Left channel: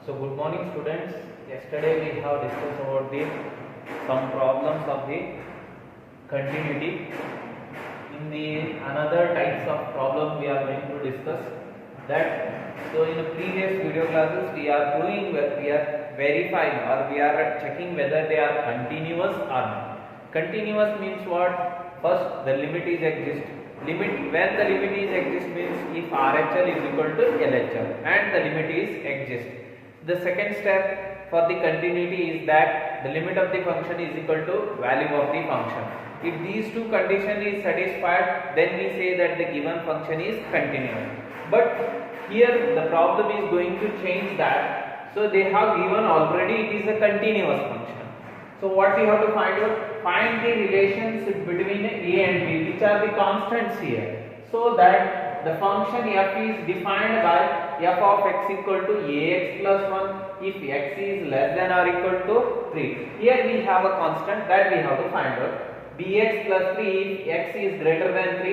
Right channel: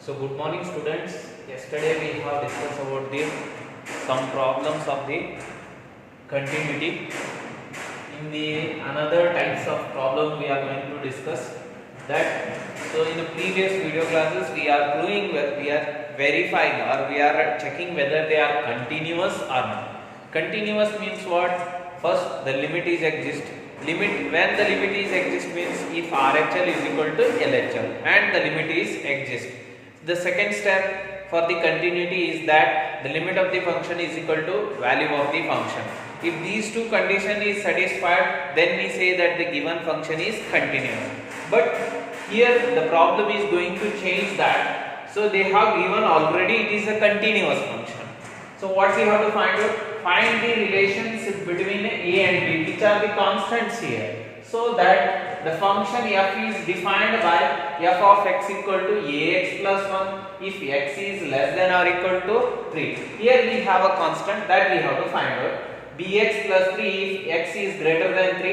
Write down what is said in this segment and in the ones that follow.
So good morning students. Yesterday we have discussed about the some problems of the continuity. In the another types of problem we are going to discuss that. So in the previous video classes we are proving we are verifying or we are checking whether they are continuous or not. Continuous means what? First the limit is exist. Limit when the limit is exist means if RHL is equal to LHL and the limit is exist. The second step for the continuity is that the limit of the function is equal to value of the function. If these two conditions is satisfied, then we say that the given function is continuous. But here the problem is going to change that. So they have given already it is a continuous function. So what we have to find out? Find the relations between a and b, which are the constants here, so that the function f is defined by f of x equal to ax plus 1 if x is less than or equal to 3. Here we have a constant that we have to find out. Bx plus 3 if x is greater than 3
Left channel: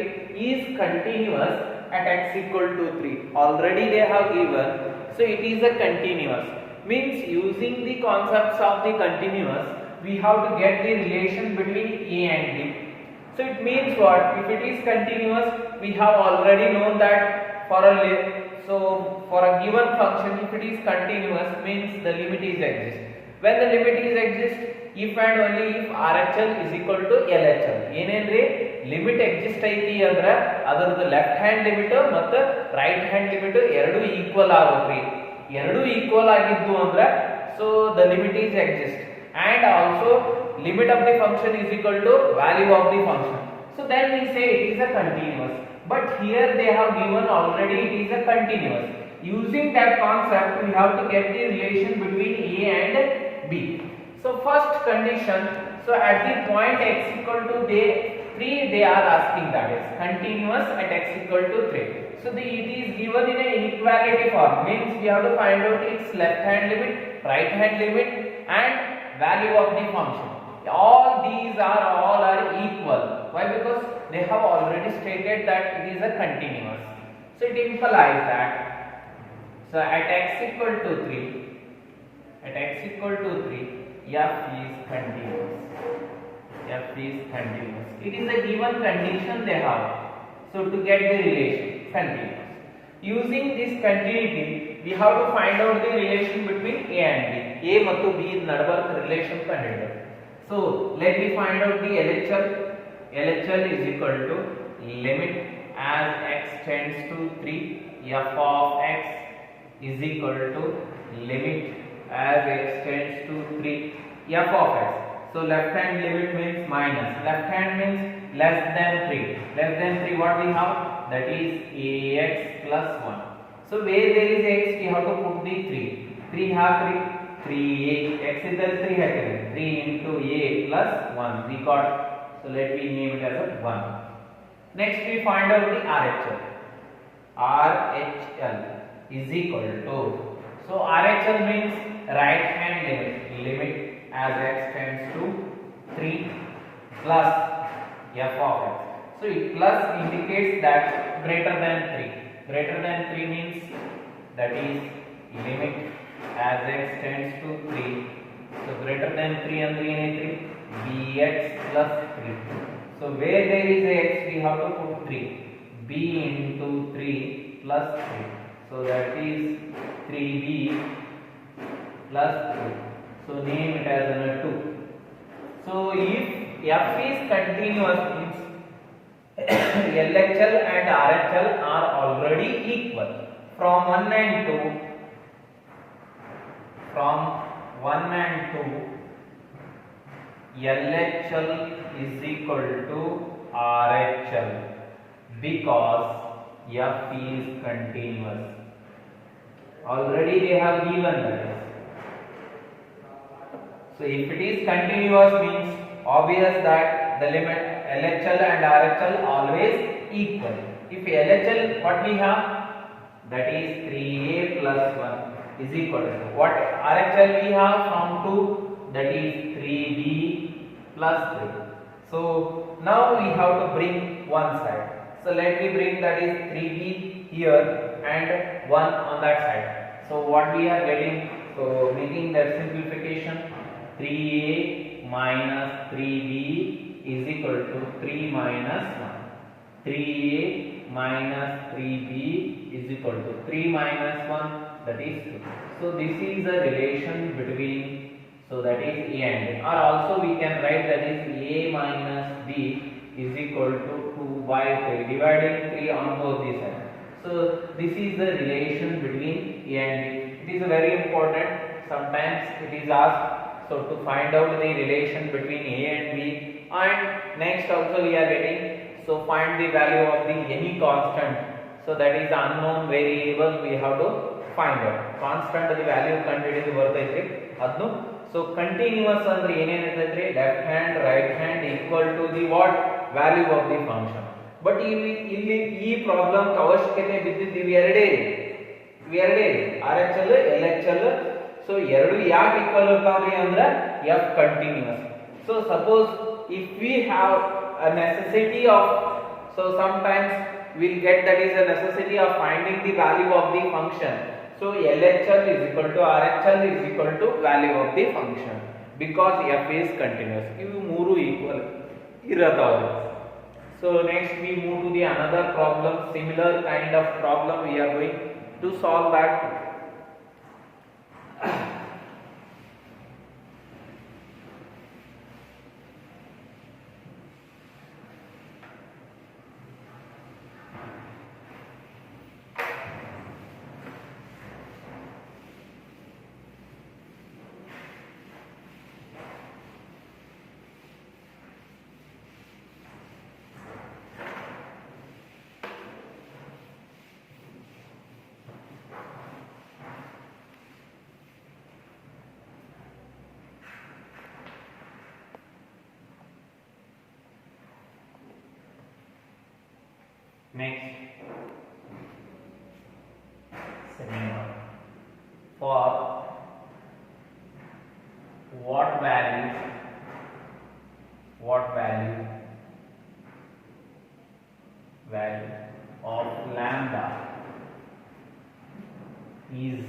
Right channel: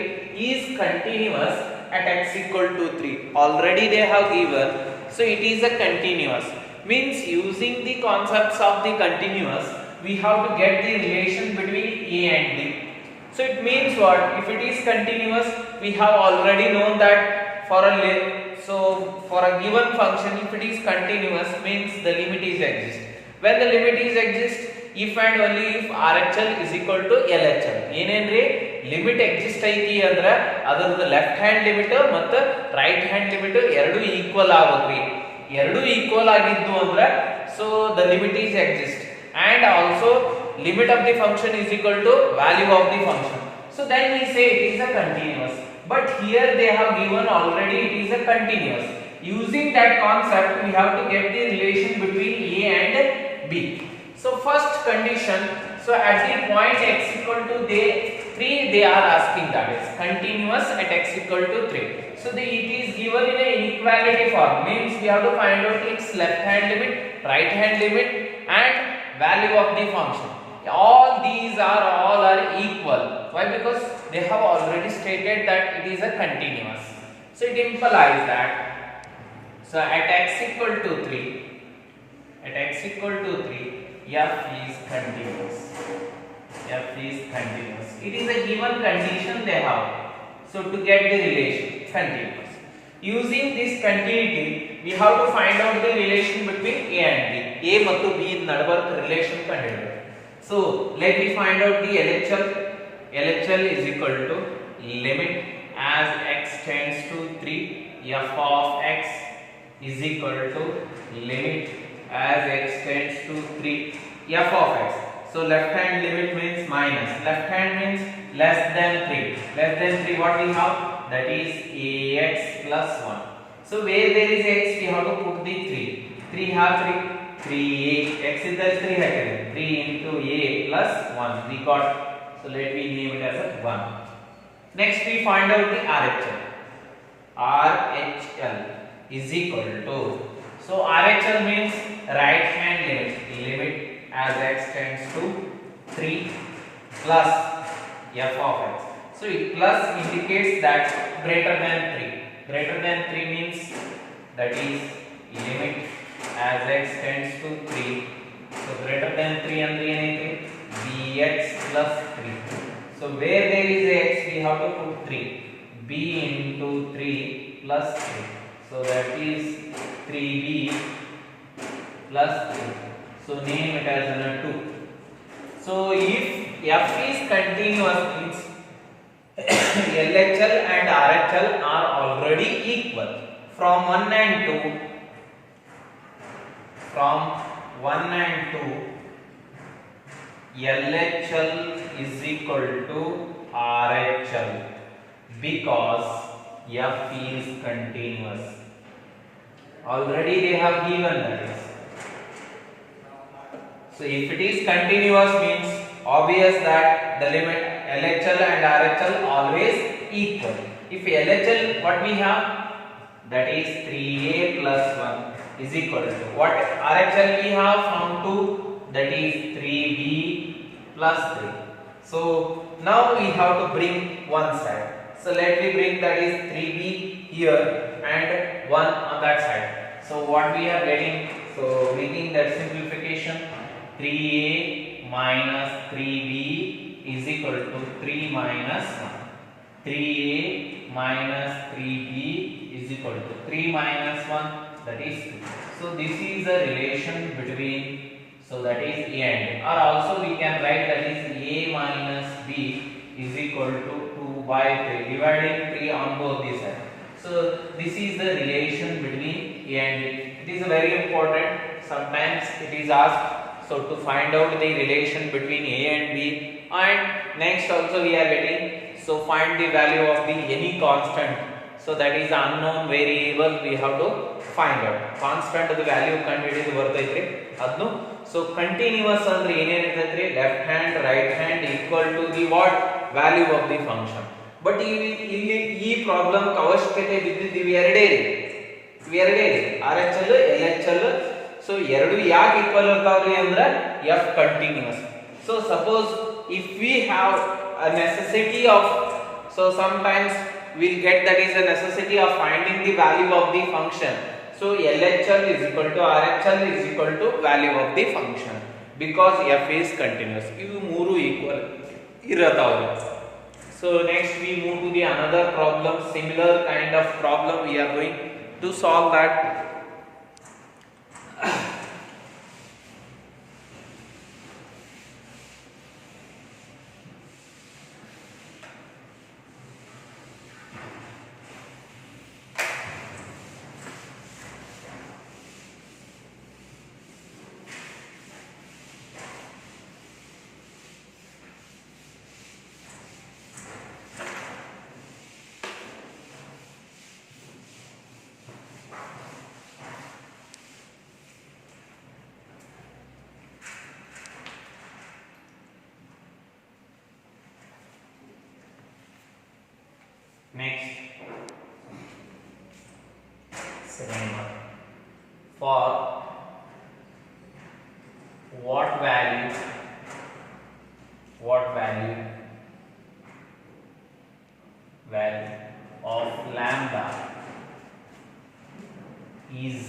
is continuous at x equal to 3. Already they have given, so it is a continuous. Means using the concepts of the continuous, we have to get the relation between a and b. So it means what? If it is continuous, we have already known that for a given function, if it is continuous, means the limit is exist. When the limit is exist, if and only if RHL is equal to LHL. ಏನಂದ್ರೆ limit exist ಐತಿ ಅಂದ್ರೆ ಅದರದ್ದು left hand limit ಮತ್ತು right hand limit ಎರಡು equal ಆಗುತ್ತೆ. ಎರಡು equal ಆಗಿದ್ದು ಅಂದ್ರೆ so the limit is exist. And also limit of the function is equal to value of the function. So then we say it is a continuous. But here they have given already it is a continuous. Using that concept, we have to get the relation between a and b. So first condition, so at the point x equal to 3, they are asking that is continuous at x equal to 3. So it is given in a inequality form. Means we have to find out its left hand limit, right hand limit and value of the function. All these are equal. Why? Because they have already stated that it is a continuous. So it implies that so at x equal to 3, f is continuous. F is continuous. It is a given condition they have. So to get the relation continuous. Using this continuity, we have to find out the relation between a and b. A ಮತ್ತು b ನಡುವರ relation ಕಂಡುಹಿಡಿಯಬೇಕು. So let me find out the LHL. LHL is equal to limit as x tends to 3 f of x is equal to limit as x tends to 3 f of x. So left hand limit means minus, left hand means less than 3. Less than 3 what we have? That is ax plus 1. So where there is x, we have to put the 3. 3 have 3a, x is the 3 happen. 3 into a plus 1 we got. So let me name it as a 1. Next we find out the RHL. RHL is equal to, so RHL means right hand limit as x tends to 3 plus f of x. So plus indicates that greater than 3. Greater than 3 means that is limit as x tends to 3. So greater than 3 and 3 and 3 bx plus 3. So where there is a x, we have to put 3. b into 3 plus 3. So that is 3b plus 3. So name it as 2. So if f is continuous means LHL and RHL are already equal. From 1 and 2, LHL is equal to RHL because f is continuous. Already they have given that is. So if it is continuous means obvious that the limit LHL and RHL always equal. If LHL what we have, that is 3a plus 1 is equal to what RHL we have from 2, that is 3b plus 3. So now we have to bring one side. So let me bring that is 3b here and 1 on that side. So what we are getting? So making that simplification, 3a minus 3b is equal to 3 minus 1. 3a minus 3b is equal to 3 minus 1, that is 2. So this is the relation between, so that is a and b, or also we can write that is a minus b is equal to 2 by 3, dividing 3 on both the sides. So this is the relation between a and b. It is very important. Sometimes it is asked, so to find out the relation between a and b, and next also we are getting, so find the value of the any constant. So that is unknown variable we have to find out. Constant the value ಕಂಡುಹಿಡಿದು ಬರ್ತೈತ್ರಿ ಅದನ್ನು. So continuous ಅಂದ್ರೆ ಏನೇನಿರ್ತೈತ್ರಿ, left hand right hand equal to the what value of the function. But ಇಲ್ಲಿ ಈ problem ಅವಶ್ಯಕತೆ ಬಿದ್ದಿದ್ದೀವಿ ಎರಡೇ ರೀ, RHL LHL. ಸೊ ಎರಡು ಯಾಕೆ ಈಕ್ವಲ್ ಇರ್ತಾವ್ರಿ ಅಂದ್ರೆ f continuous. So suppose if we have a necessity of, so sometimes we'll get that is a necessity of finding the value of the function. So LHL is equal to RHL is equal to value of the function because f is continuous. ಇವು ಮೂರು equal ಇರತಾವು. So next we move to the another problem, similar kind of problem we are going to solve that. Next, second one, for what value of lambda is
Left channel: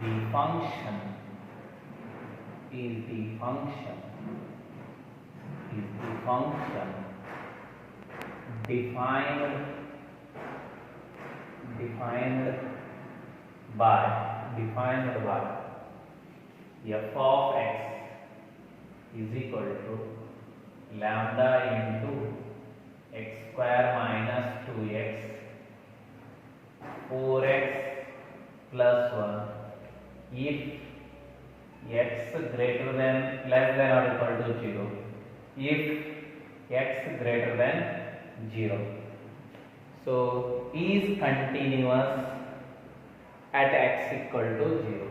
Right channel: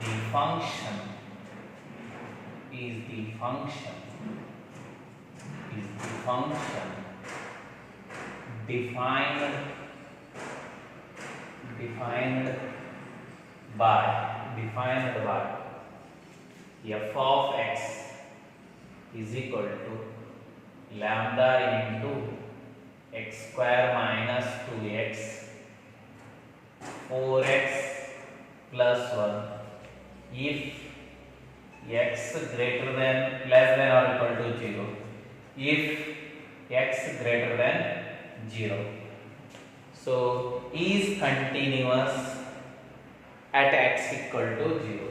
the function defined by f of x is equal to lambda into x square minus 2x 4x plus 1 if x greater than less than or equal to 0, if x greater than 0. So is continuous at x equal to 0.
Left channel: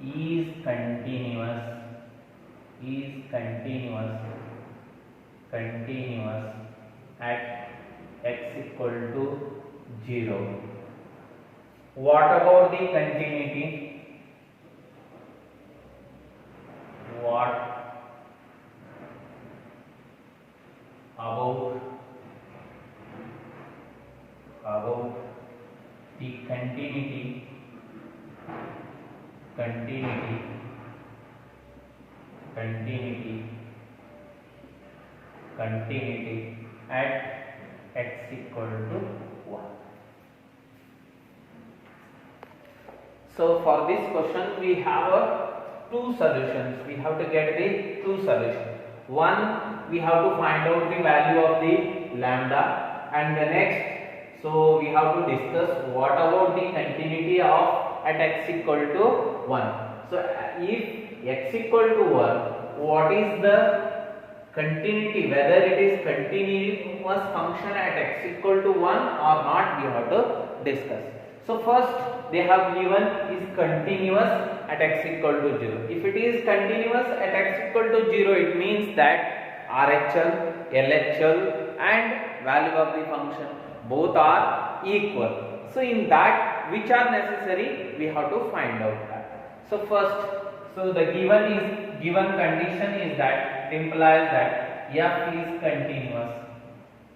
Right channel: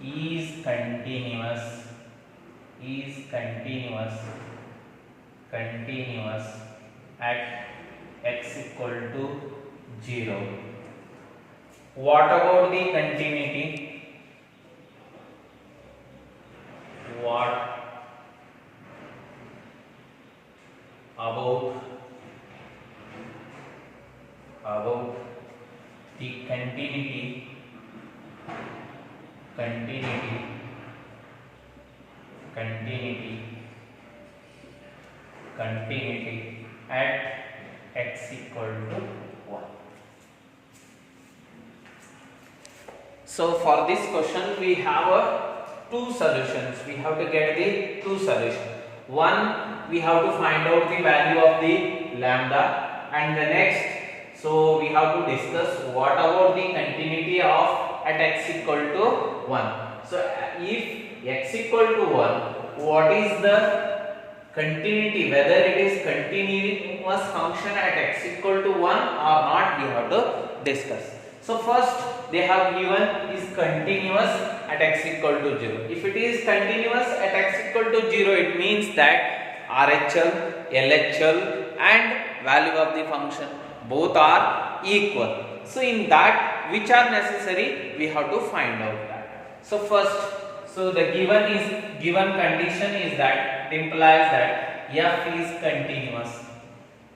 Is continuous at x equal to 0. What about the continuity? What about the continuity at x equal to 1. So for this question we have two solutions. We have to get the two solutions. One, we have to find out the value of the lambda, and the next, so we have to discuss what about the continuity of at x equal to 1. So if x equal to 1, what is the continuity, whether it is continuous function at x equal to 1 or not, we have to discuss. So first they have given is continuous at x equal to 0. If it is continuous at x equal to 0, it means that RHL, LHL and value of the function both are equal. So in that, which are necessary, we have to find out that. So first, so the given condition is that, it implies that f is continuous.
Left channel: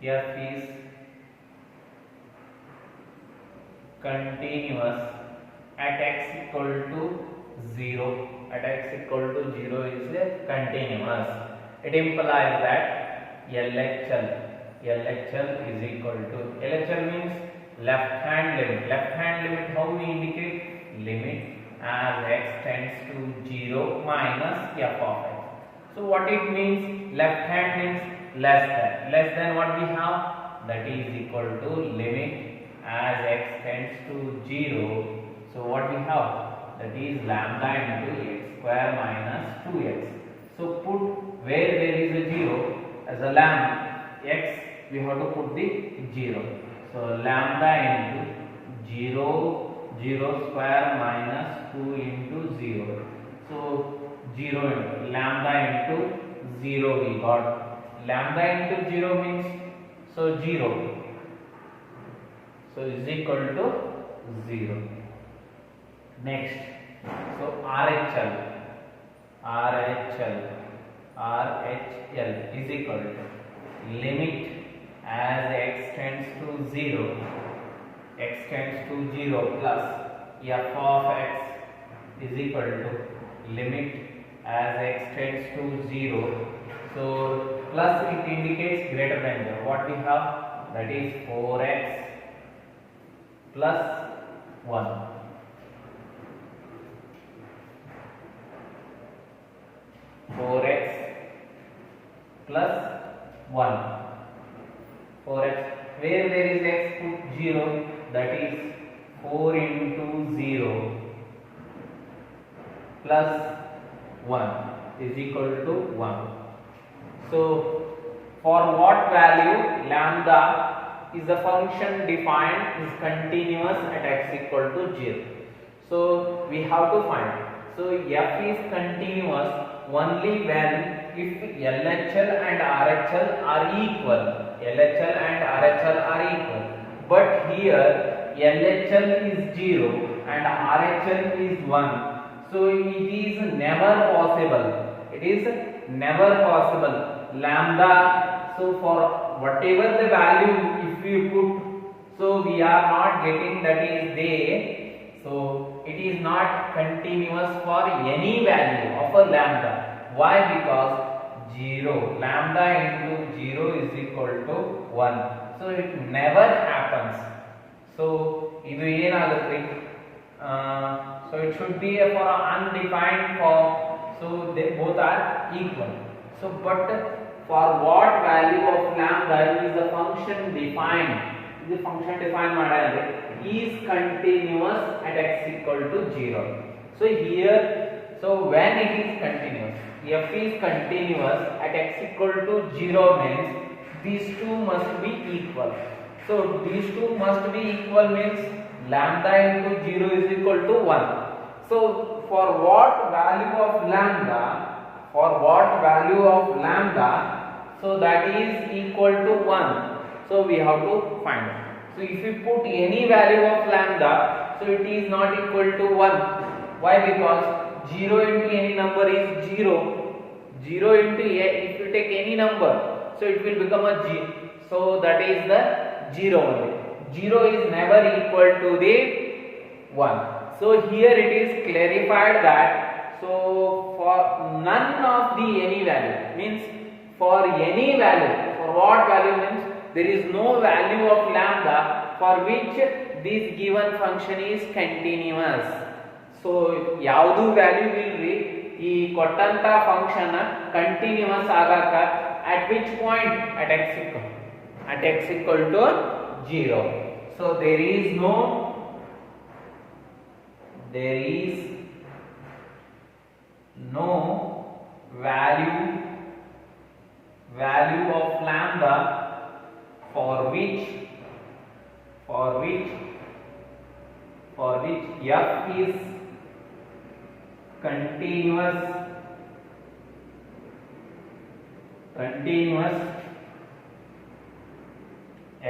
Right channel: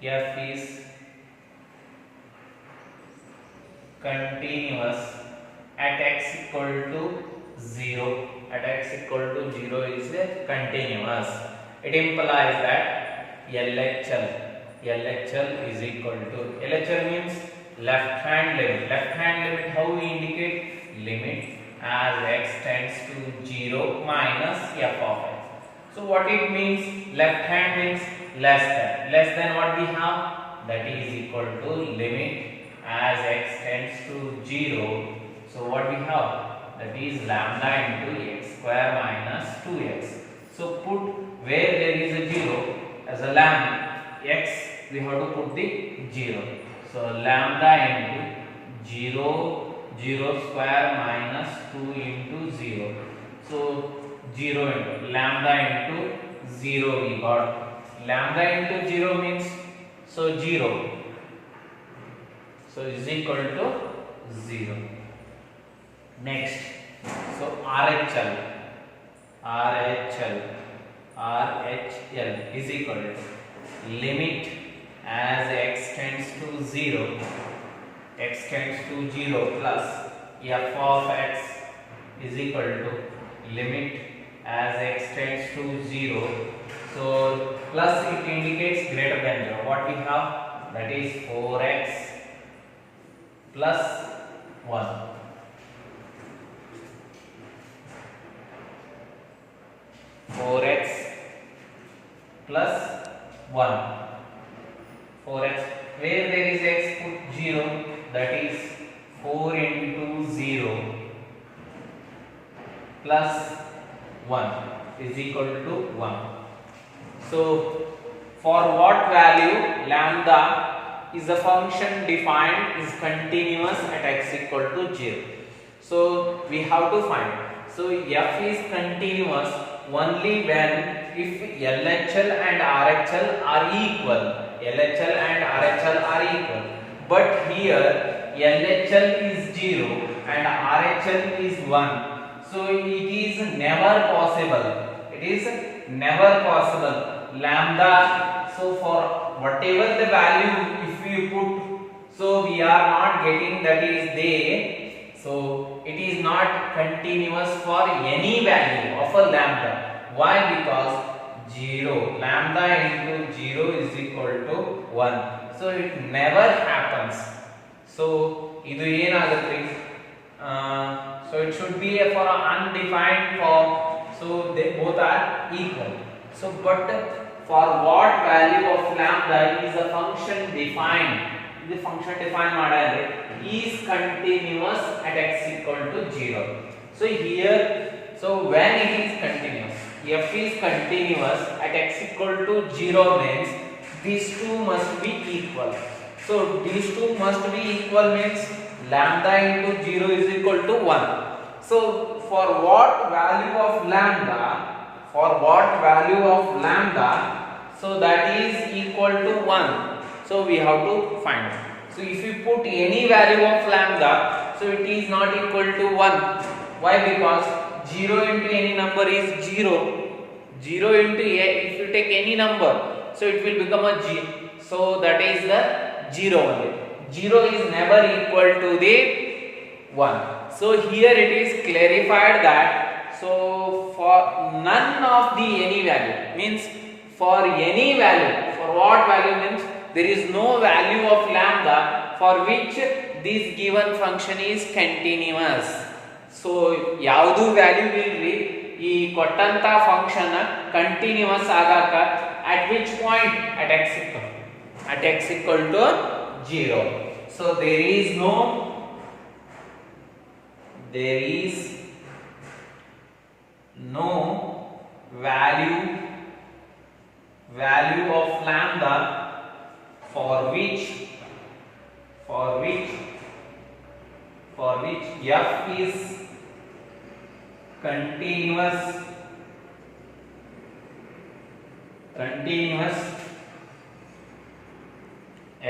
F is continuous at x equal to 0, at x equal to 0 is continuous. It implies that LHL is equal to, LHL means left hand limit. Left hand limit, how we indicate? Limit as x tends to 0 minus f of x. So what it means? Left hand means less than. Less than what we have? That is equal to limit as x tends to 0. So what we have? That is lambda into x square minus 2x. So put where there is a 0 as a lambda x, we have to put the 0. So lambda into 0 square minus 2 into 0. So 0 into lambda into 0 we got. Lambda into 0 means, so 0. So is equal to 0. Next, so RHL is equal to limit as x tends to 0, plus f of x is equal to limit as x tends to 0. So plus it indicates greater than 0. What we have? That is 4x plus 1. 4x plus 1. 4x, where there is x, put 0, that is 4 into 0 plus 1 is equal to 1. So for what value lambda is a function defined is continuous at x equal to 0. So we have to find. So f is continuous only when if LHL and RHL are equal. LHL and RHL are equal. But here LHL is 0 and RHL is 1. So it is never possible. It is never possible. Lambda, so for whatever the value if we put, so we are not getting that is there. So it is not continuous for any value of a lambda. Why? Because 0, lambda into 0 is equal to 1. So it never happens. So idu enagutte? So it should be for an undefined form. So they both are equal. So but for what value of lambda is a function defined? The function defined madale is continuous at x equal to 0. So here, so when it is continuous, f is continuous at x equal to 0 means these two must be equal. So these two must be equal means lambda into 0 is equal to 1. So for what value of lambda? So that is equal to 1. So we have to find. So if you put any value of lambda, so it is not equal to 1. Why? Because 0 into any number is 0. 0 into if you take any number, so it will become a g. So that is the 0 only. 0 is never equal to the 1. So here it is clarified that, so for none of the any value means for any value, for what value means there is no value of lambda for which this given function is continuous. So yaudu value will be ಈ ಕೊಟ್ಟಂತ function continuous ಆಗಾಕ at which point? At x equal to 0. So there is no value of lambda for which f is continuous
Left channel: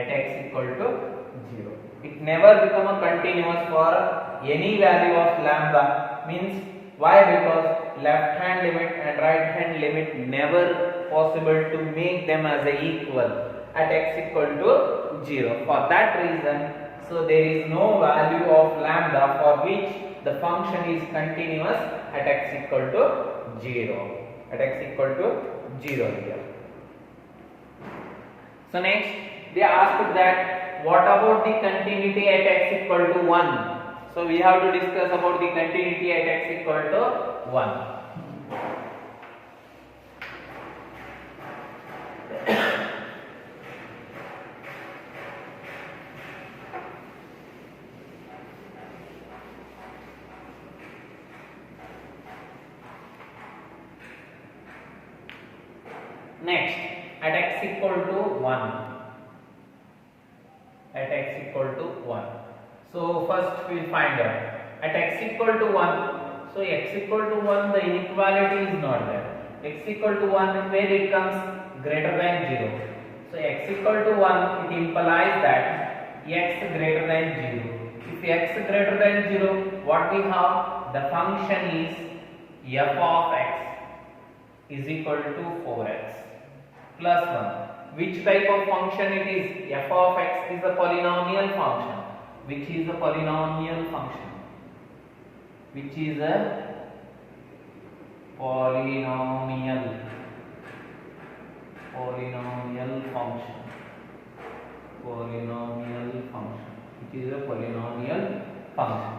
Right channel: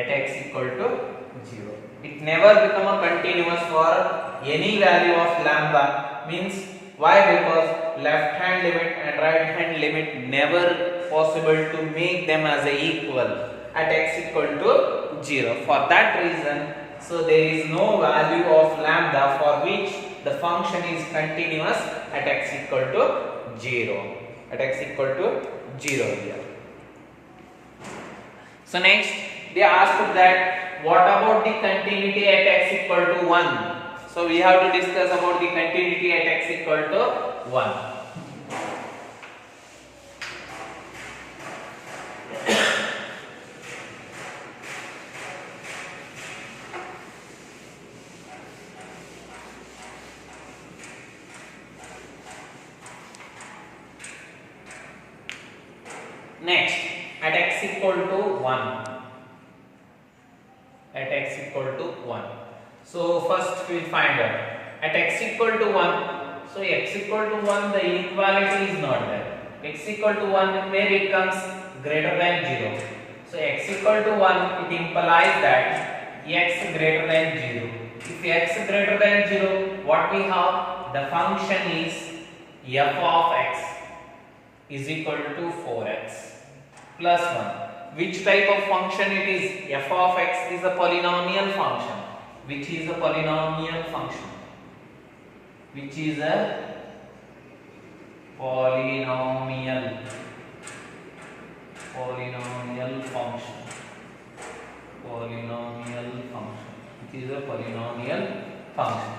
at x equal to 0. It never become a continuous for any value of lambda. Means why? Because left hand limit and right hand limit never possible to make them as a equal at x equal to 0. For that reason, so So there is no value of lambda for which the function is continuous at x equal to 0. At x equal to 0 here. So next they asked that what about the continuity at x equal to 1? So we have to discuss about the continuity at x equal to 1. Next, at x equal to 1. At x equal to 1. So first we will find out. At x equal to 1, so x equal to 1, the inequality is not there. X equal to 1, where it comes greater than 0. So x equal to 1, it implies that x greater than 0. If x greater than 0, what we have? The function is f of x is equal to 4x plus 1. Which type of function it is? F of x is a polynomial function. Which is a polynomial function? Which is a polynomial function. Polynomial function. Which is a polynomial function.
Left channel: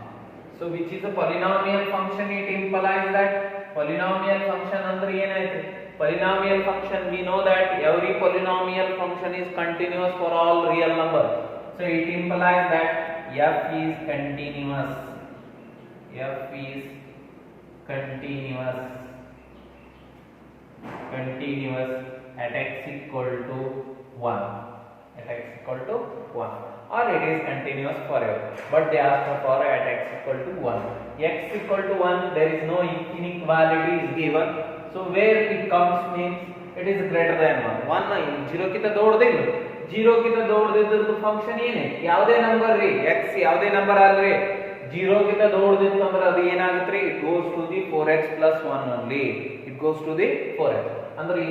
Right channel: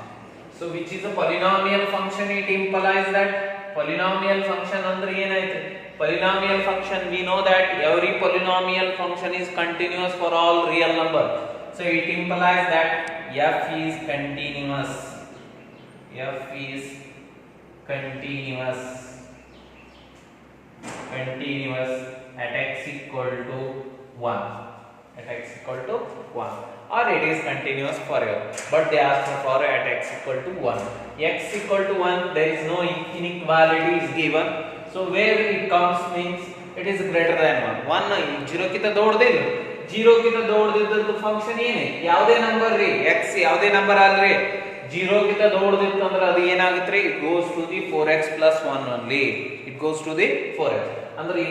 So which is a polynomial function? It implies that polynomial function andre enaithe? Polynomial function, we know that every polynomial function is continuous for all real number. So it implies that f is continuous. F is continuous at x equal to 1. At x equal to 1. Or it is continuous forever. But they ask for at x equal to 1. X equal to 1, there is no inequality is given. So where it comes means it is greater than 1. 1 0 ಕಿಂತ ದೊಡ್ಡದಿಲ್ಲ. 0 ಕಿಂತ ದೊಡ್ಡದಿದ್ದದ್ದು function ಏನೇ? ಯಾವುದೇ number ರೀ, x ಯಾವುದೇ number ಅಲ್ರಿ, 0 ಕಿಂತ ದೊಡ್ಡದಿತ್ತು ಅಂದ್ರೆ ಅದು ಏನಾಗುತ್ತೆ? It goes to the 4x plus 1 only. It goes to the 4x. ಅಂದ್ರೆ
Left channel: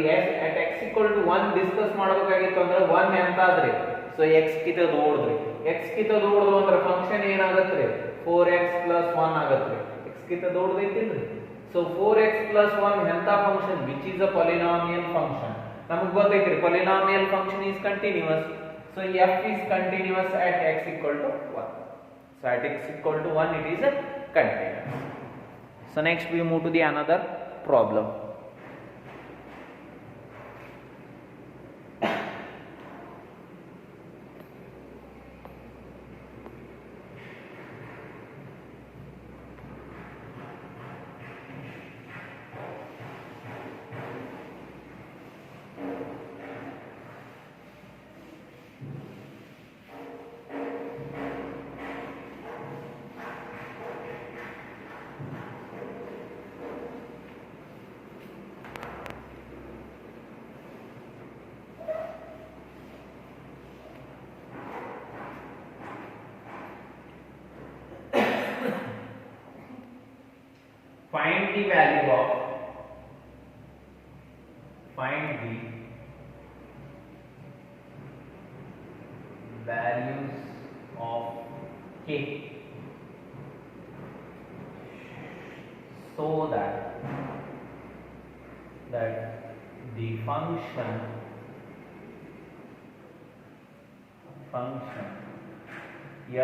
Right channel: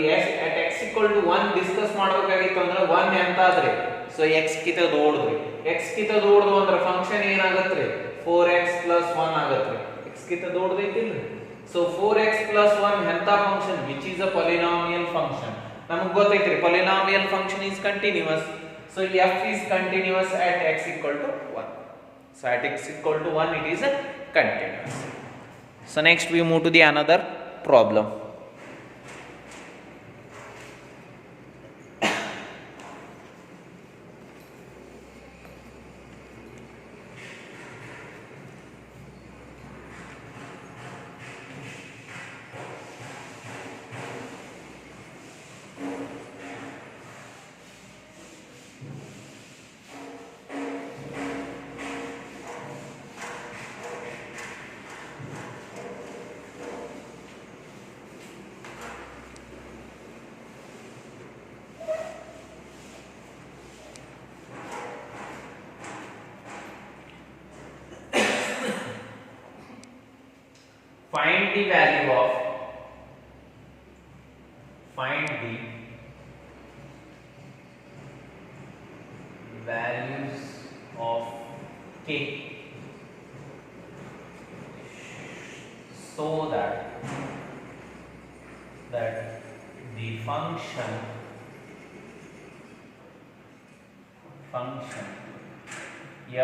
at x equal to 1 discuss ಮಾಡಬೇಕಾಗಿತ್ತು ಅಂದ್ರೆ 1 ಎಂತ ಆದ್ರೆ? ಸೊ x ಕಿಂತ ದೊಡ್ಡದು. x ಕಿಂತ ದೊಡ್ಡದು ಅಂದ್ರೆ ಫಂಕ್ಷನ್ ಏನಾಗುತ್ತೆ? 4x plus 1 ಆಗುತ್ತೆ. x ಕಿಂತ ದೊಡ್ಡದೈತಿಲ್ರಿ. So 4x plus 1 ಎಂತ function? which is a polynomial function. ನಮಗೆ ಗೊತ್ತೈತ್ರಿ polynomial function is continuous. So f is continuous at x equal to 1. So at x equal to 1 it is a continuous. So next we move to the another problem. Find the values of k so that the function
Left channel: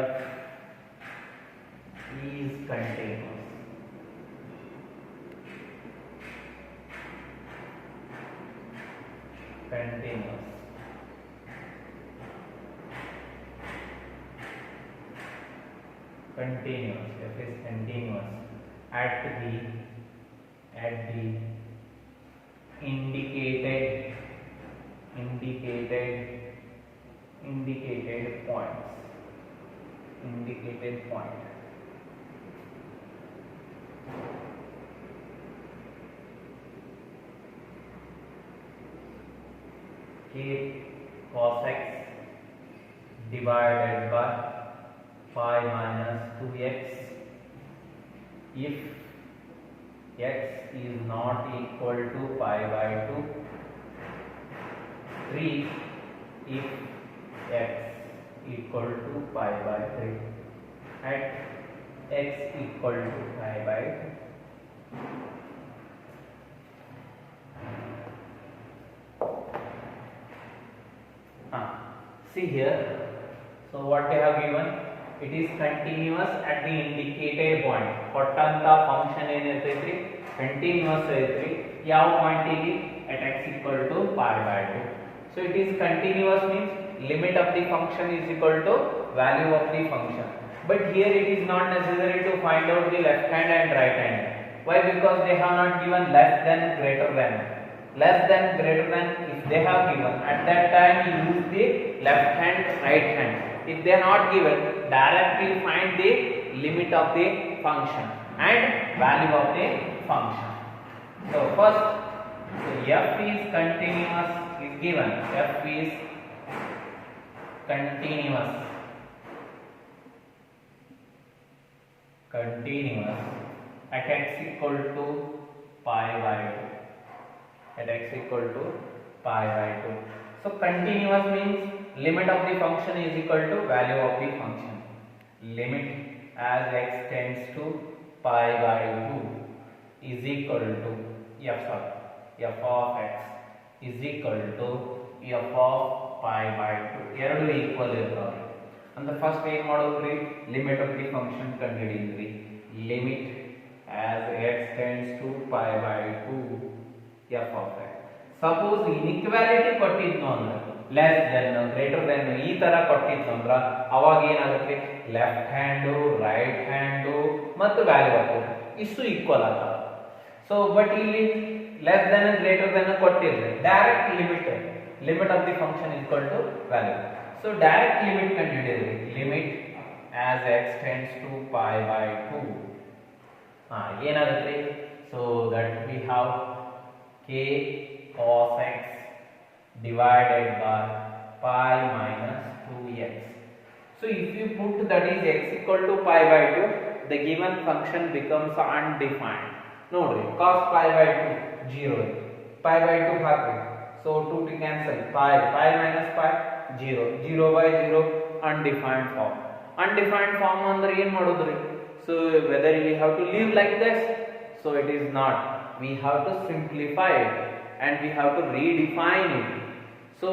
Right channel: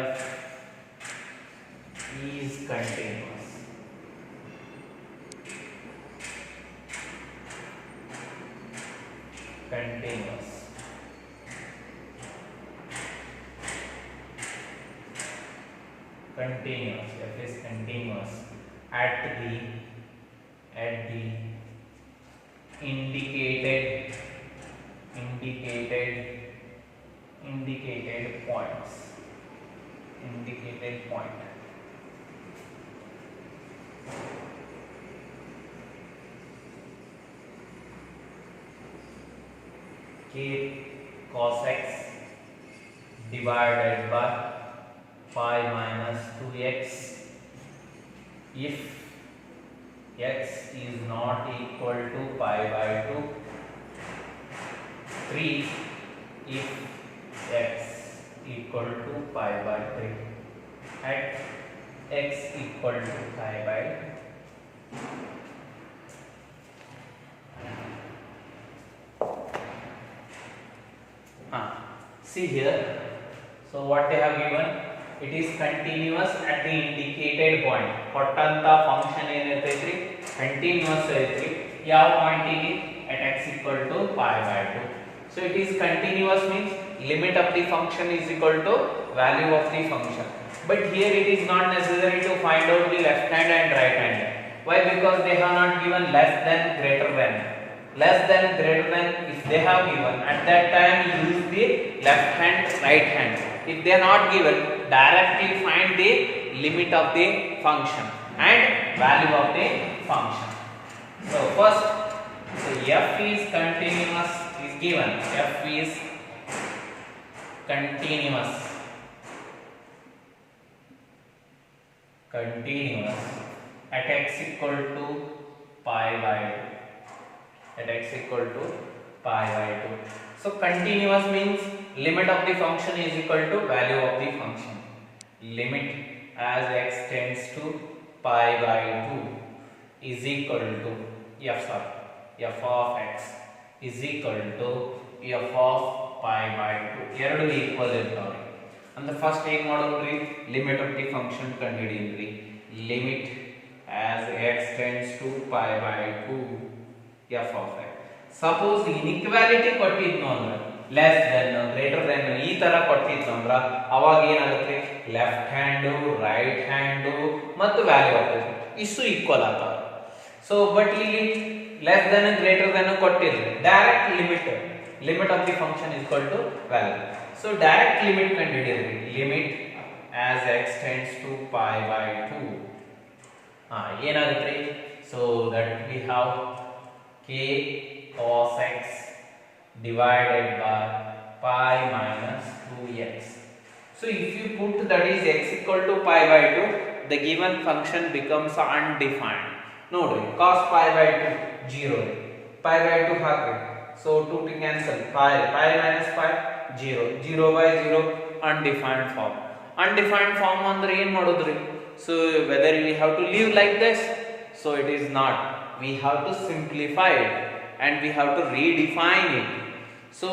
f is continuous. F is continuous at the indicated points. K cos x divided by pi minus 2x if x is not equal to pi by 2. 3 if x equal to pi by 3 at x equal to pi by 2. See here, so what they have given, it is continuous at the indicated point. ಕೊಟ್ಟಂತ function ಏನಿರ್ತೈತ್ರಿ continuous ಐತ್ರಿ ಯಾವ ಪಾಯಿಂಟಿಗೆ at x equal to pi by 2. So it is continuous means limit of the function is equal to value of the function. But here it is not necessary to find out the left hand and right hand. Why? Because they have not given less than, greater than. Less than, greater than, if they have given, at that time you use the left hand, right hand. If they are not given, directly find the limit of the function and value of the function. So first, so f is continuous is given. F is continuous at x equal to pi by 2. At x equal to pi by 2. So continuous means limit of the function is equal to value of the function. Limit as x tends to pi by 2 is equal to f of x is equal to f of pi by 2. ಎರಡು equal ಇರ್ತಾವೆ. ಅಂದ್ರೆ first ಏನು ಮಾಡೋದ್ರಿ, limit of the function ಕಂಡುಹಿಡಿಯಿರಿ. Limit as x tends to pi by 2 f of x. Suppose inequality ಕೊಟ್ಟಿದ್ನು ಅಂದ್ರೆ less than, greater then ಈ ತರ ಕೊಟ್ಟಿತ್ತು ಅಂದ್ರೆ ಅವಾಗ ಏನಾಗುತ್ತೆ, ಲೆಫ್ಟ್ ಹ್ಯಾಂಡ್, ರೈಟ್ ಹ್ಯಾಂಡ್ ಮತ್ತು ವ್ಯಾಲ್ಯೂ ಆಗ್ತದೆ, ಇಷ್ಟು ಈಕ್ವಲ್ ಆಗ್ತವೆ. ಸೊ ಬಟ್ ಇಲ್ಲಿ ಲೆಸ್ ದೆನ್, ಗ್ರೇಟರ್ ದೆನ್ ಕೊಟ್ಟಿದ್ರೆ direct limit of the function is equal to value. So direct limit ಕಂಡುಹಿಡಿಯಿರಿ. Limit as x tends to pi by 2 ಏನಾಗುತ್ತೆ, so that we have k cos x divided by pi minus 2x. So if you put that is x equal to pi by 2, the given function becomes undefined. Nodri, cos pi by 2 0, pi by 2 hockey, so 2 to cancel, pi minus pi 0, 0 by 0 undefined form. Undefined form ಅಂದ್ರೆ ಏನು ಮಾಡೋದ್ರಿ, so whether we have to leave like this, so it is not, we have to simplify it and we have to redefine it. So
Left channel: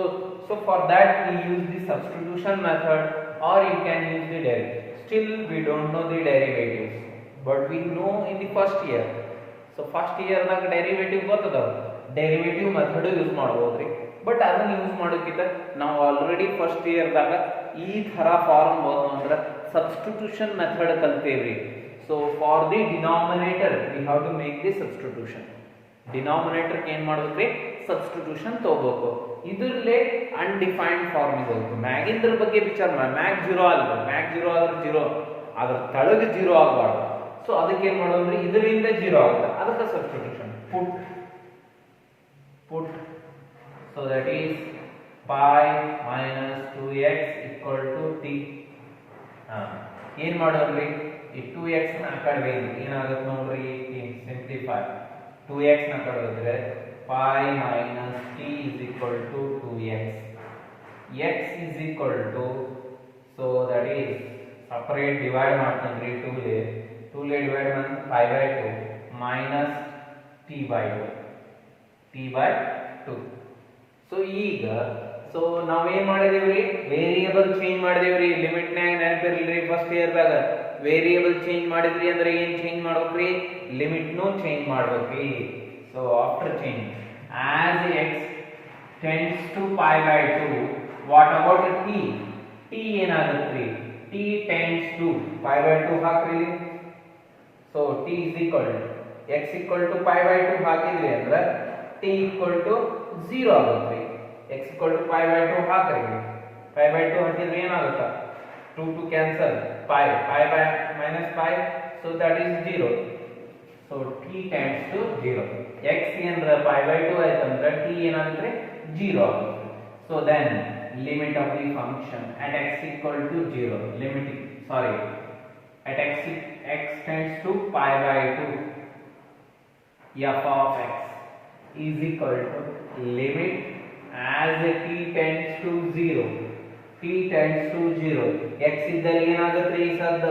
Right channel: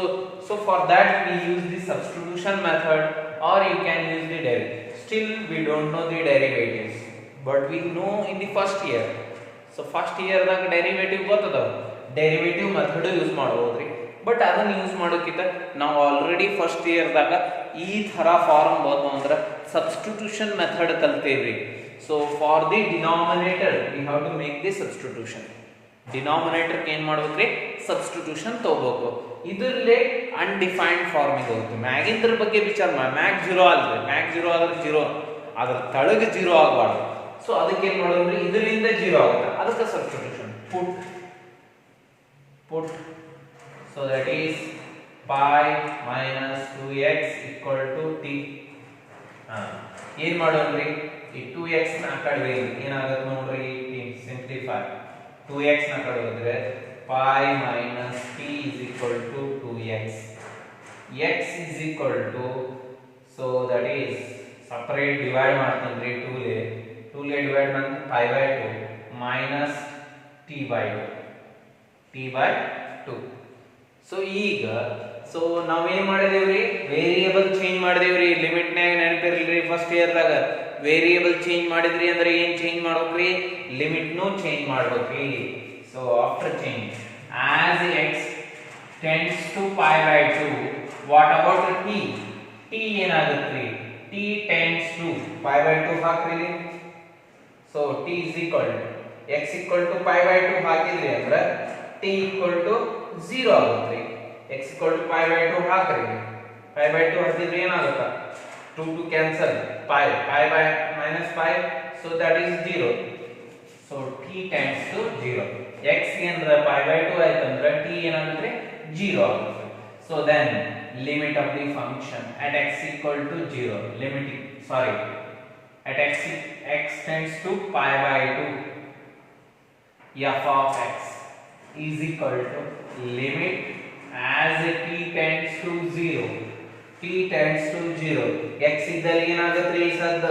for that we use the substitution method, or you can use the derivative. Still we don't know the derivatives, but we know in the first year. So first year ದಾಗ derivative ಗೊತ್ತದವ, derivative method use ಮಾಡಬಹುದ್ರಿ. But ಅದನ್ನ use ಮಾಡೋಕ್ಕಿಂತ ನಾವು already first year ದಾಗ ಈ ತರ form ಬಂತು ಅಂದ್ರೆ ಸಬ್ಸ್ಟಿಟ್ಯೂಷನ್ ಮೆಥಡ್ ಕಲ್ತೇವ್ರಿ. So for the denominator we have to make the substitution. Denominator ಏನ್ ಮಾಡ್ಬೇಕ್ರಿ, ಸಬ್ಸ್ಟಿಟ್ಯೂಷನ್ ತಗೋಬೇಕು. ಇದರಲ್ಲೇ ಅನ್ಡಿಫೈನ್ಡ್ ಫಾರ್ಮ್ ಇದೆ ಹೋಗುತ್ತೆ. ಮ್ಯಾಗಿಂದ್ರ ಬಗ್ಗೆ ವಿಚಾರ ಮಾಡಿ, ಮ್ಯಾಗ್ 0 ಅಲ್ರಿ, ಮ್ಯಾಗ್ 0 ಆದ್ರೆ 0, ಅದ್ರ ತಳಗೆ 0 ಆಗಬಾರ್ದು. ಸೊ ಅದಕ್ಕೆ ಏನ್ ಮಾಡೋದ್ರಿ, ಇದರಿಂದ 0 ಆಗುತ್ತೆ, ಅದಕ್ಕೆ substitution put so that is pi minus 2x equal to t. ಏನು ಮಾಡೋದ್ರಿ, ಈ 2x ನ ಕಡೆ ಏನಾಗುತ್ತೆ ನೋಡ್ರಿ, ಸಿಂಪ್ಲಿಫೈ 2x ನ ಕಡೆ ಹೋದ್ರೆ pi minus t is equal to 2x. x is equal to, so that is separate divide ಮಾಡ್ತೀನಿ 2 ಲೇ divide ಮಾಡಿ pi by 2 minus t by 2. So ಈಗ ನಾವೇನ್ ಮಾಡಿದೇವ್ರಿ, ವೇರಿಯೇಬಲ್ ಚೇಂಜ್ ಮಾಡಿದೇವ್ರಿ. ಲಿಮಿಟ್ ನಾಗ ನೆನಪಿರ್ಲಿ, ಫಸ್ಟ್ ಇಯರ್ ದಾಗ ವೇರಿಯೇಬಲ್ ಚೇಂಜ್ ಮಾಡಿದ್ರಿ ಅಂದ್ರೆ ಏನ್ ಚೇಂಜ್ ಮಾಡ್ಬೇಕ್ರಿ, ಲಿಮಿಟ್ ನು ಚೇಂಜ್ ಮಾಡ್ಬೇಕ್ರಿ. So after change as x tends to pi by 2, what about t ಏನಾಗುತ್ತೆ, t tends to pi by 2 ಹಾಕ್ರಿ. So t is equal to x equal to pi by 2 ಹಾಕಿದ್ರಿ ಅಂದ್ರೆ t equal to 0 ಆಗುತ್ತೆ. x equal to pi by 2 ಹಾಕ್ರಿ, pi by 2 ಹಾಕಿದ್ರೆ ಏನಾಗುತ್ತೆ, 2 to cancel, pi by minus pi, so that is 0. so t tends to 0. x ಏನಂದ್ರೆ pi by 2 ಆಯ್ತಂದ್ರೆ t ಏನಾಗುತ್ತೆ 0 ಆಗುತ್ತೆ. so then limit of the function at x equal to 0, at x tends to pi by 2, f of x is equal to limit as t tends to 0, t tends to 0, x ಇದ್ದಲ್ಲಿ ಏನಾಗುತ್ತೆ ಈ ಸದ್ದ,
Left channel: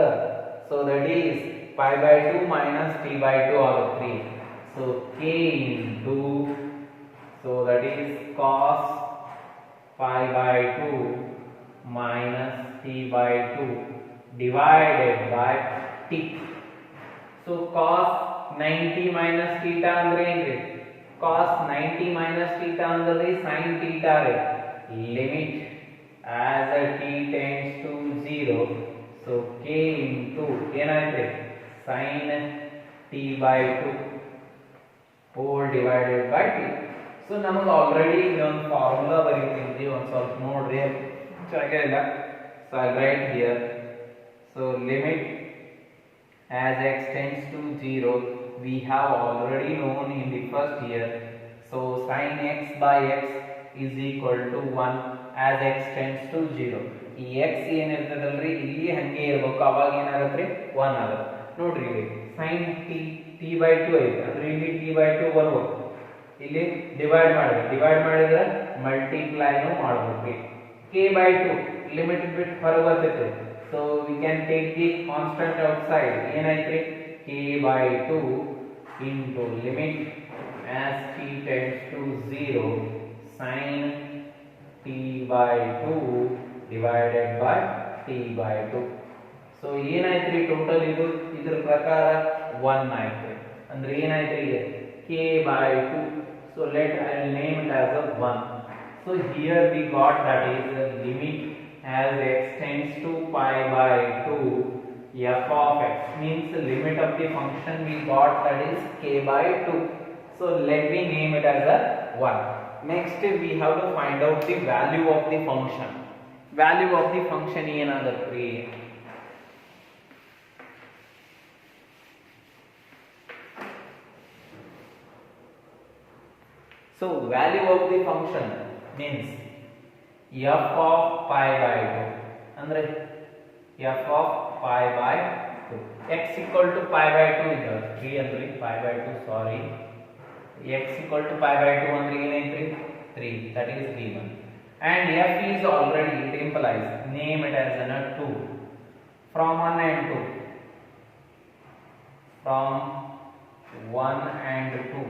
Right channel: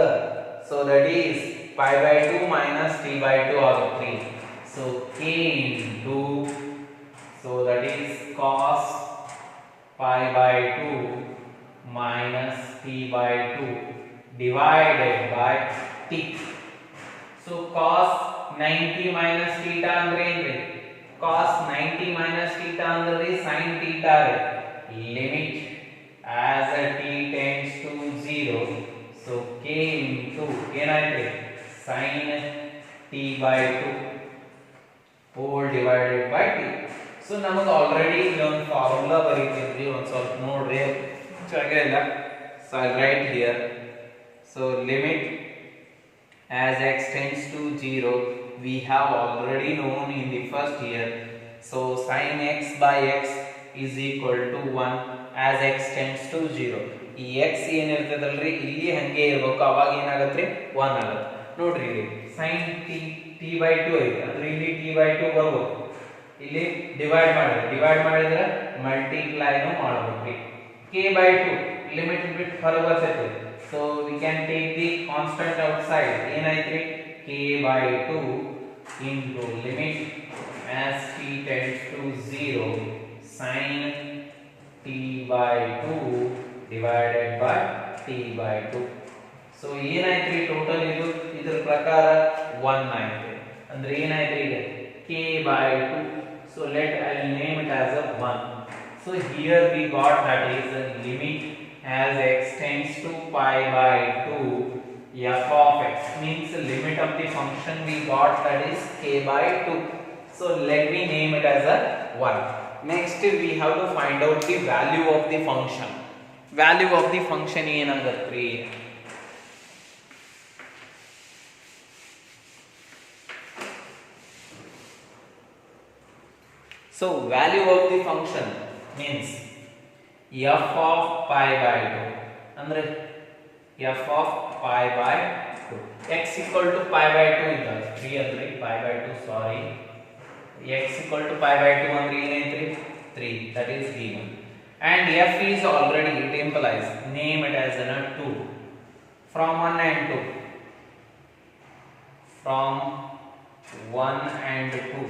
so that is pi by 2 minus t by 2 ಆಗುತ್ತೆ. So k into, so that is cos pi by 2 minus t by 2 divided by t. So cos 90 minus theta ಅಂದ್ರೆ ಏನ್ರಿ, cos 90 minus theta ಅಂದ್ರೆ sin theta ರೀ. Limit as t tends to 0, so k into ಏನಾಯ್ತು sin t by 2 whole divided by t. So ನಮಗೆ already ಒಂದು formula ಬರೀತೀವಿ, ಒಂದು ಸ್ವಲ್ಪ ನೋಡ್ರಿ ಜಾಗ ಇಲ್ಲ. So I write here, so limit as x tends to 0 we have already known in the first year, so sin x by x is equal to 1 as x tends to 0. ಈ x ಏನಿರ್ತದಲ್ರಿ ಇಲ್ಲಿ ಹಂಗೆ ಇರಬೇಕು, ಅವಾಗ ಏನಾಗುತ್ತೆ 1 ಆಗುತ್ತೆ. ನೋಡ್ರಿ ಇಲ್ಲಿ sin t by 2 ಐತೆ ಅಂದ್ರೆ ಇಲ್ಲಿ t by 2 ಬರ್ಬೇಕು, ಇಲ್ಲಿ ಡಿವೈಡ್ ಮಾಡಿದ್ರೆ ಮಲ್ಟಿಪ್ಲೈನು ಮಾಡಬೇಕು. k by 2 ಲಿಮಿಟ್ ಬಿಟ್ಟು ಹೊರಗೆ ಬರ್ತೈತೆ, so we can take the constant outside, ಏನಾಯ್ತು k by 2 into limit as t tends to 0 sin t by 2 divided by t by 2. so ಏನಾಯ್ತು ಟೋಟಲ್ ಇದು ಇದರ ಪ್ರಕಾರ 1 ಆಯ್ತು ಅಂದ್ರೆ ಏನಾಯ್ತು ಈಗ k by 2, so let I name it as a 1. so here we got that is a limit as x tends to pi by 2 f of x, means limit of the function we got that is k by 2. so let me name it as a 1. next we have to find out the value of the function. value of the function ಏನಾಗುತ್ತೆ, so value of the function means f of pi by 2 ಅಂದ್ರೆ f of pi by 2, x equal to pi by 2 ಇದೆ 3 ಅಂದ್ರೆ pi by 2 sorry, x equal to pi by 2 ಅಂದ್ರೆ ಏನೈತ್ರಿ 3, that is given. and f is already, it implies, name it as a 2 from 1 and 2, from 1 and 2,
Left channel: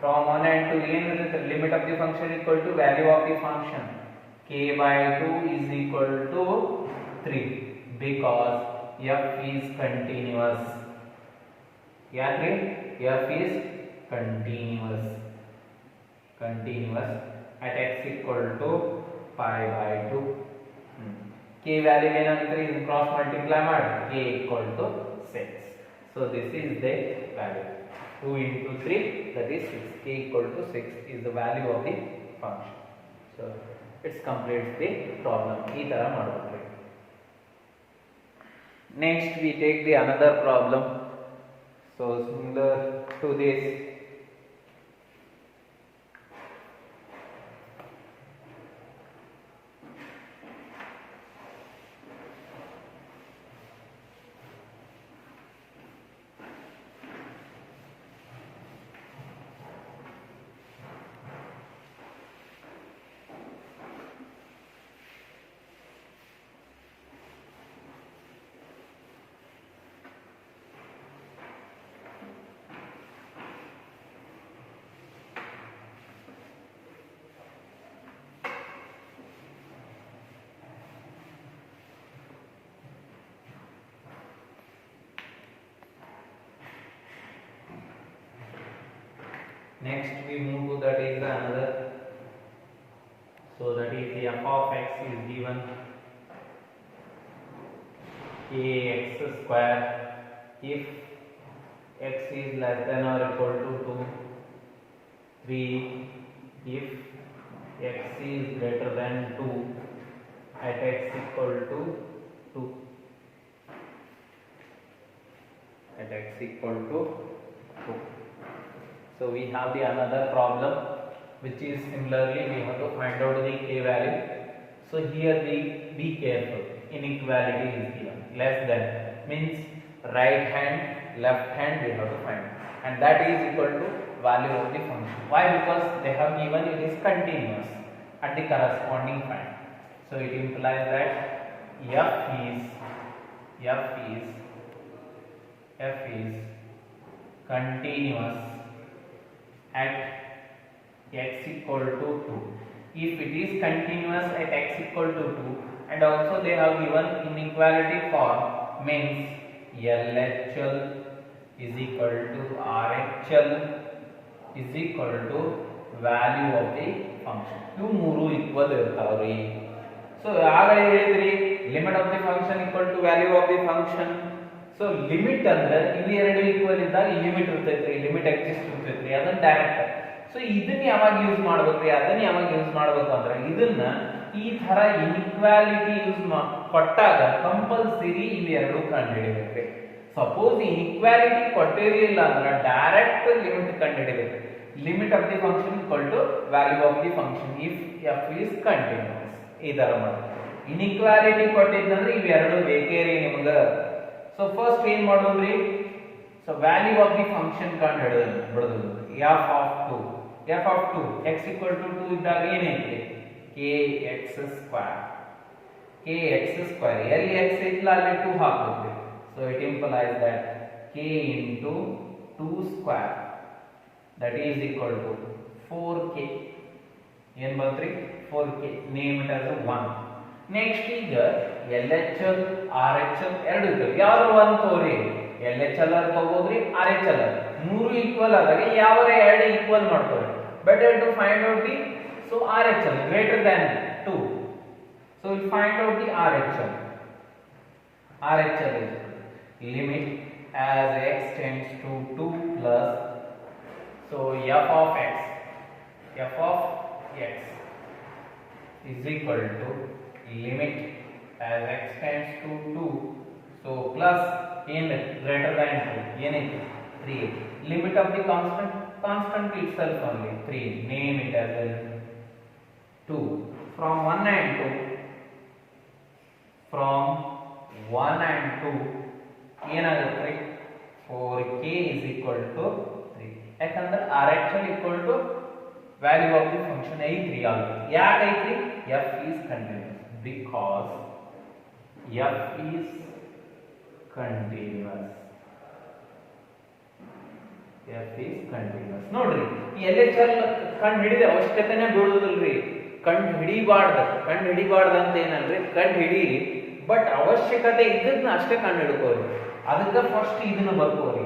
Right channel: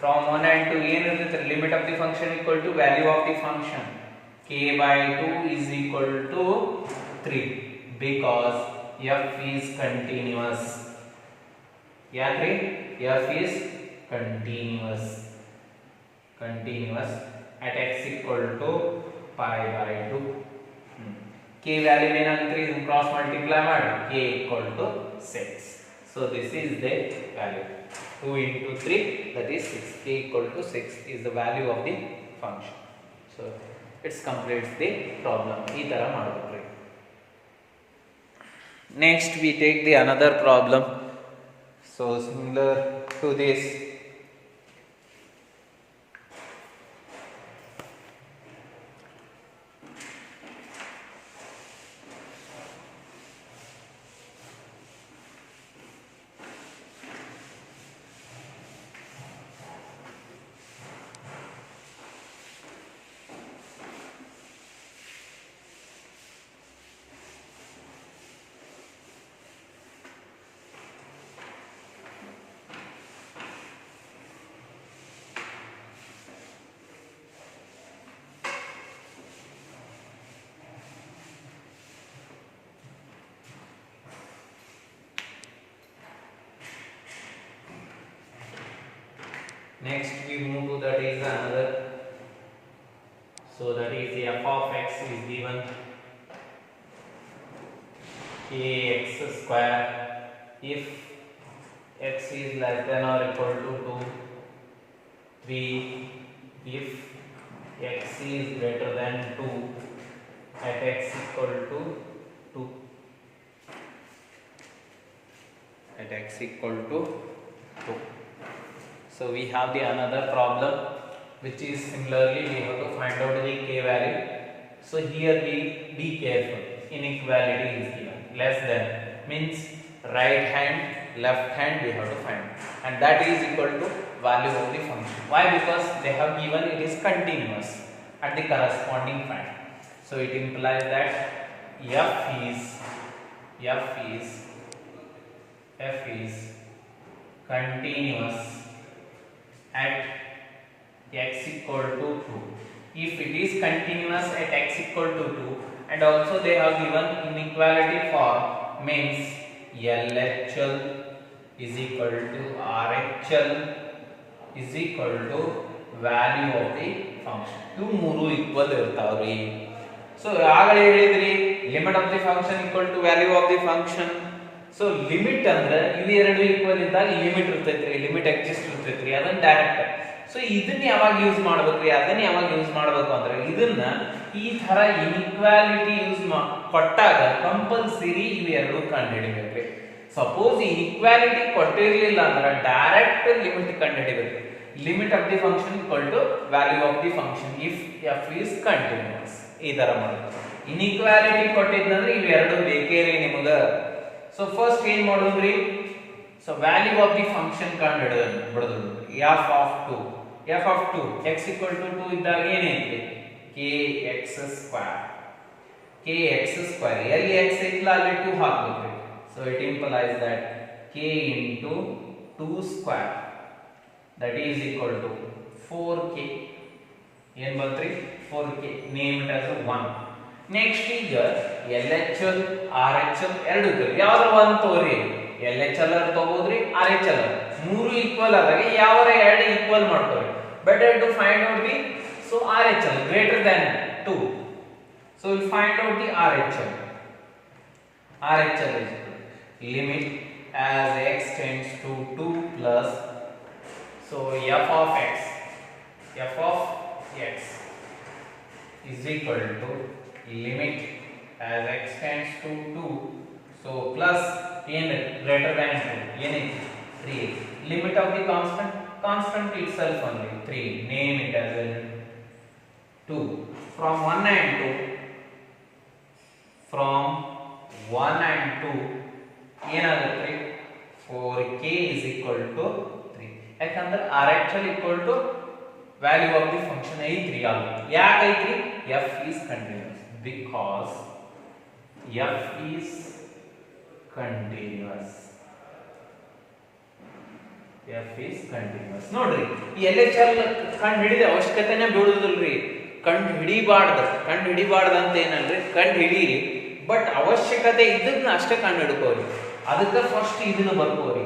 from 1 and 2 ಏನಿರುತ್ತೆ limit of the function equal to value of the function k by 2 is equal to 3 because f is continuous. ಯಾಕ್ರಿ f is continuous at x equal to pi by 2. k value ಏನಂದ್ರೆ ಇದನ್ನ cross multiply ಮಾಡಿ k equal to 6. so this is the value 2 into 3, that is 6. k equal to 6 is the value of the function. so it's completes the problem. ಈ ತರ ಮಾಡಬೇಕು. next we take the another problem, so similar to this. Next we move to that is another, so that is f of x is given kx square if x is less than or equal to 2, 3 if x is greater than 2 at x equal to 2, at x equal to 2. So we have the another problem which is similarly we have to find out the k value. So here be careful, inequality is given, less than means right hand left hand we have to find, and that is equal to value of the function. Why? Because they have given it is continuous at the corresponding point. So it implies that f is continuous at x equal to 2. If it is continuous at x equal to 2, and also they have given inequality form, means LHL is equal to RHL is equal to value of the function. ಇವು ಮೂರು equal ಇರ್ತಾವ್ರಿ. So ಆಗಲೇ ಹೇಳಿದ್ರಿ limit of the function equal to value of the function. So limit ಅಂದ್ರೆ ಇವು ಎರಡು equal ಇದ್ದಾಗ limit ಇರ್ತೈತ್ರಿ, ಲಿಮಿಟ್ ಎಕ್ಸಿಸ್ಟ್ ಇರ್ತೈತ್ರಿ, ಅದನ್ನ ಡೈರೆಕ್ಟ್. ಸೊ ಇದನ್ನ ಯಾವಾಗ ಯೂಸ್ ಮಾಡ್ಬೇಕ್ರಿ, ಅದನ್ನ ಯಾವಾಗ ಯೂಸ್ ಮಾಡ್ಬೇಕು ಅಂದ್ರೆ ಇದನ್ನ ಈ ತರ ಇನ್ಇಕ್ವಾಲಿಟಿ ಯೂಸ್ ಕೊಟ್ಟಾಗ ಕಂಪಲ್ಸರಿ ಇವೆರಡು ಕಂಡುಹಿಡಿಬೇಕ್ರಿ. ಸಪೋಸ್ ಇನ್ಇಕ್ವಾಲಿಟಿ ಕೊಟ್ಟಿರಲಿಲ್ಲ ಅಂದ್ರೆ ಡೈರೆಕ್ಟ್ ಲಿಮಿಟ್ ಕಂಡುಹಿಡಿಬೇಕು. Limit of the function equal to value of the function if f is continuous. ಈ ತರ ಮಾಡಿ. ಇನ್ಇಕ್ವಾಲಿಟಿ ಕೊಟ್ಟಿದ್ದಂದ್ರೆ ಇವೆರಡು ಬೇಕೇರಿ ನಿಮಗೆ. ಸೊ ಫಸ್ಟ್ ಏನ್ ಮಾಡೋದ್ರಿ, so value of the function ಕಂಡುಹಿಡಿದು F of 2 x equal to 2 ಇದ್ದಾಗ ಏನೈತಿ kx square ಎಲ್ಲಿ x ಇಲ್ಲ ಅಲ್ಲಿ 2 ಹಾಕಬೇಕು. So it implies that k into 2 square that is equal to 4k. ಏನ್ ಬಂತ್ರಿ 4k. Name it as 1. Next ಈಗ LHL RHL ಎರಡು ಇದಾವೆ, ಯಾವ್ದು 1 ತಗೋರಿ, LHL ತಗೋದ್ರಿ RHL ಮೂರು ಈಕ್ವಲ್ ಆದಾಗ ಯಾವ ಎರಡು ಈಕ್ವಲ್ ಮಾಡ್ತವೆ. Better to find out the RHL greater than 2. So we find out the RHL. RHL is limit as x tends to 2 plus, so f of x is equal to limit as x tends to 2, so plus greater than 2 ಏನೈತಿ 3. Limit of the constant itself only 3. Name it as 2. From 1 and 2 ಏನಾಗುತ್ತೆ 4k is equal to 3. ಯಾಕಂದ್ರೆ RHL equal to value of the function ಐತ್ರಿ. ಯಾಕೆ ಐತ್ರಿ, f is continuous, because f is continuous. f is continuous. ನೋಡ್ರಿ LHL ಕಂಡು ಹಿಡಿದ ಅವಶ್ಯಕತೆನೇ ಬೀಳುದಿಲ್ರಿ. ಕಂಡು ಹಿಡಿಬಾರ್ದು ಅಂತ ಏನಲ್ರಿ, ಕಂಡು ಹಿಡೀರಿ, ಬಟ್ ಅವಶ್ಯಕತೆ ಇದನ್ನ ಅಷ್ಟೇ ಕಂಡು ಹಿಡ್ಕೋರಿ. ಅದಕ್ಕೆ ಫಸ್ಟ್ ಇದನ್ನ ಬರ್ಕೋರಿ.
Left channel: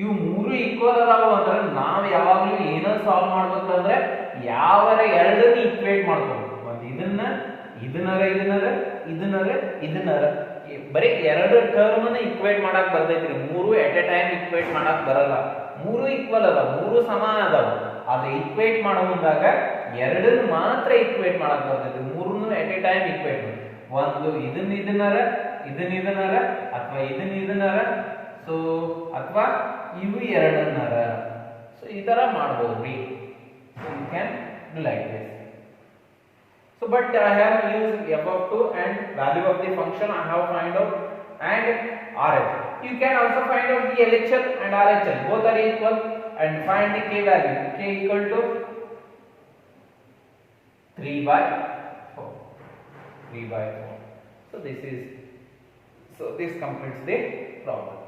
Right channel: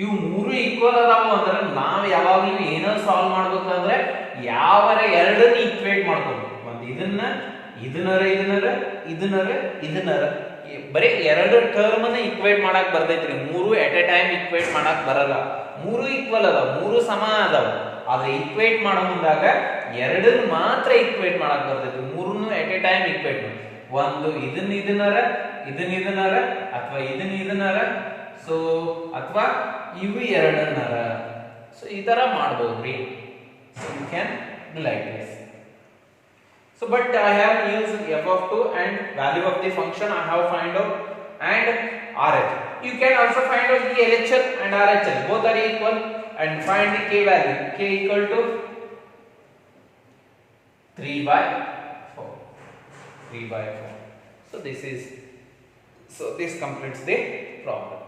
ಇವು ಮೂರು ಈಕ್ವಲ್ ಅದಾವ ಅಂದ್ರೆ ನಾವು ಯಾವಾಗಲೂ ಏನೋ ಸಾಲ್ವ್ ಮಾಡ್ಬೇಕಂದ್ರೆ ಯಾವರ ಎರಡನ್ನ ಈಕ್ವೇಟ್ ಮಾಡ್ಕೋಬೇಕು. ಒಂದು ಇದನ್ನರ ಬರೀ ಎರಡು ಟರ್ಮ್ ಅನ್ನ ಈಕ್ವೇಟ್ ಮಾಡಕ್ ಬರ್ತೈತ್ರಿ. ಮೂರು ಎಟ್ ಎ ಟೈಮ್ ಈಕ್ವೇಟ್ ಮಾಡಕ್ ಬರಲ್ಲ. ಮೂರು ಈಕ್ವಲ್ ಅದಾವ, ಮೂರು ಸಮ ಅದಾವ. ಆದ್ರೆ ಈಕ್ವೇಟ್ ಮಾಡೋ ಮುಂದಾಗ ಎರಡನ್ನ ಮಾತ್ರ ಈಕ್ವೇಟ್ ಮಾಡಕ್ ಬರ್ತೈತಿ. ಮೂರನ್ನು ಎಟ್ ಎ ಟೈಮ್ ಈಕ್ವೇಟ್ ಮಾಡಿ, ಒಂದು ಇದನ್ನರ ಅಥವಾ ಇದನ್ನರ, ಸೊ ಅಥವಾ ಇವು ಎರಡನ್ನರ, ಸೊ ಈ ತರ ಮಾಡಬಹುದ್ರಿ. So you can do like this. So but I have used f of 2 and value of the function I have find out and RHL. You can also find out the LHL and RHL, both are equal, and find the k value. K equal to 3/4. So this completes the problem.